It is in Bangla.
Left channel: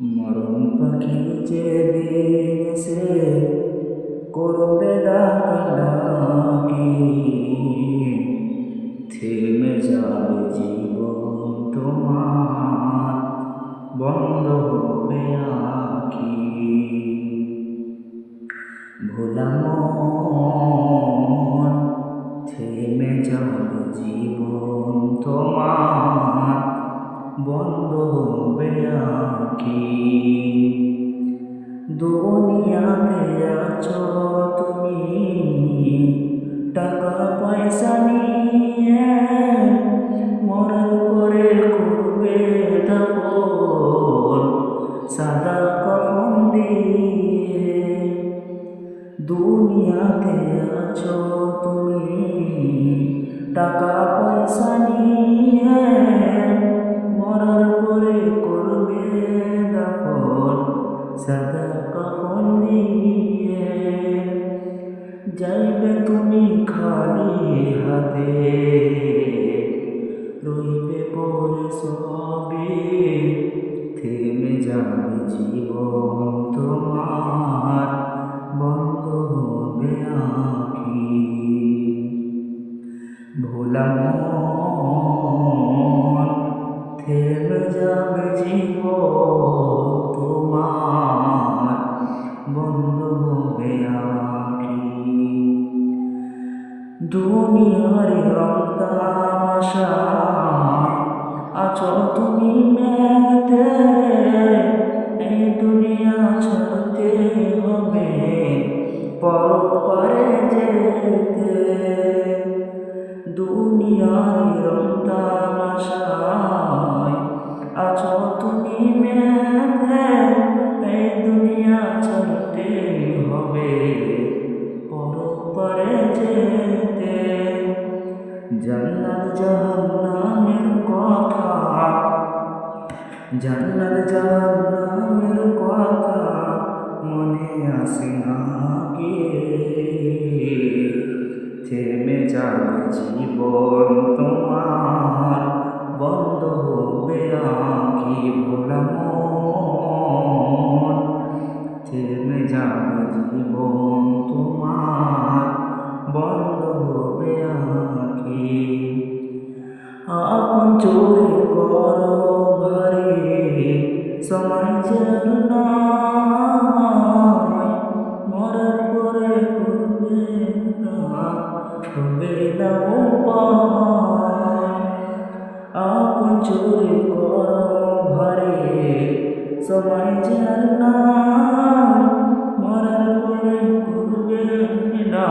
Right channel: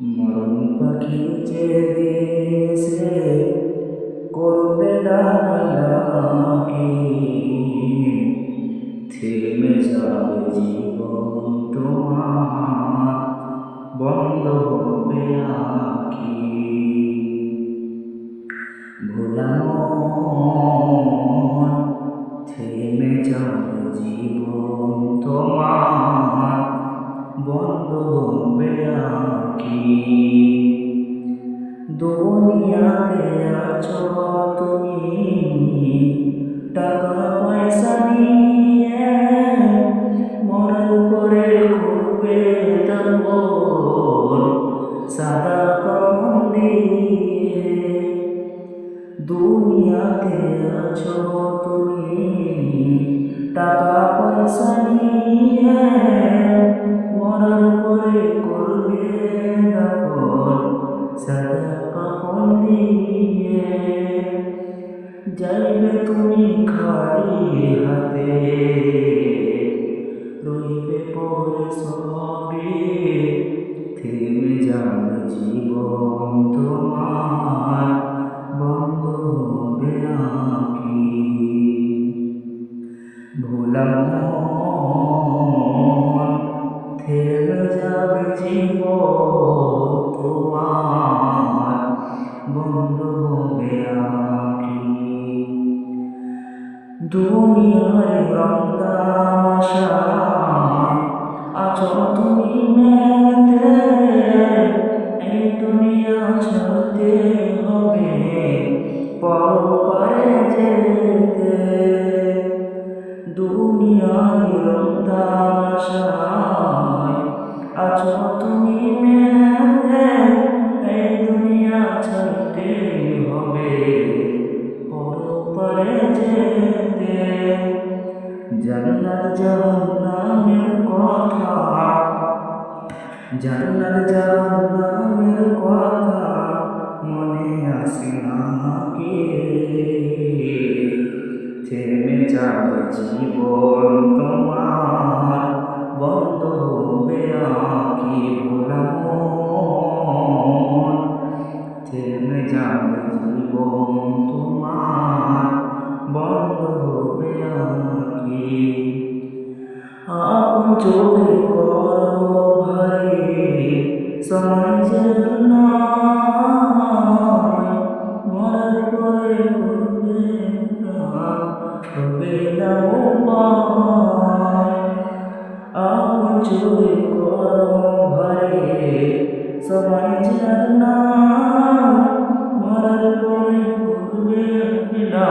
মরণ পাখি যেদিন সে করবে ডাকাডাকি, থেমে যাবে জীবন তোমার, বন্ধ হবে আঁখি। ভোলা মন, থেমে যাবে জীবন তোমার, বন্ধ হবে আঁখি। দুনিয়াতে আছো তুমি টাকা পয়সা নিয়ে, মরার পরে করবে দাফন সাদা কাফন দিয়ে। দুনিয়াতে আছো তুমি টাকা পয়সা নিয়ে, মরার পরে করবে দাফন সাদা কাফন দিয়ে। যাইবে তুমি খালি হাতে, রইবে পরে সবে, থেমে যাবে জীবন তোমার, বন্ধ হবে আঁখি। ভোলা মন, থেমে যাবে জীবন তোমার, বন্ধ হবে আঁখি। দুনিয়ার রং তামাশায় আছো তুমি মেতে, এই দুনিয়া ছাড়তে হবে পরপারে যেতে। দুনিয়ার রং তামাশায় আছো তুমি মেতে, এই দুনিয়া ছাড়তে হবে পরপারে যেতে। জান্নাত জাহান্নামের কথা, জান্নাত জাহান্নামের কথা মনে আসে না কি? থেমে যাবে জীবন তোমার, বন্ধ হবে আঁখি। ভোলা মন, থেমে যাবে জীবন তোমার, বন্ধ হবে আঁখি। আপন চোরে করো ভারে, সময় যেন নয়, মরার পরে করবে না, হবে না উপায়। আপন চোরে করো ভারে, সময় যেন নয়, মরার পরে করবে না,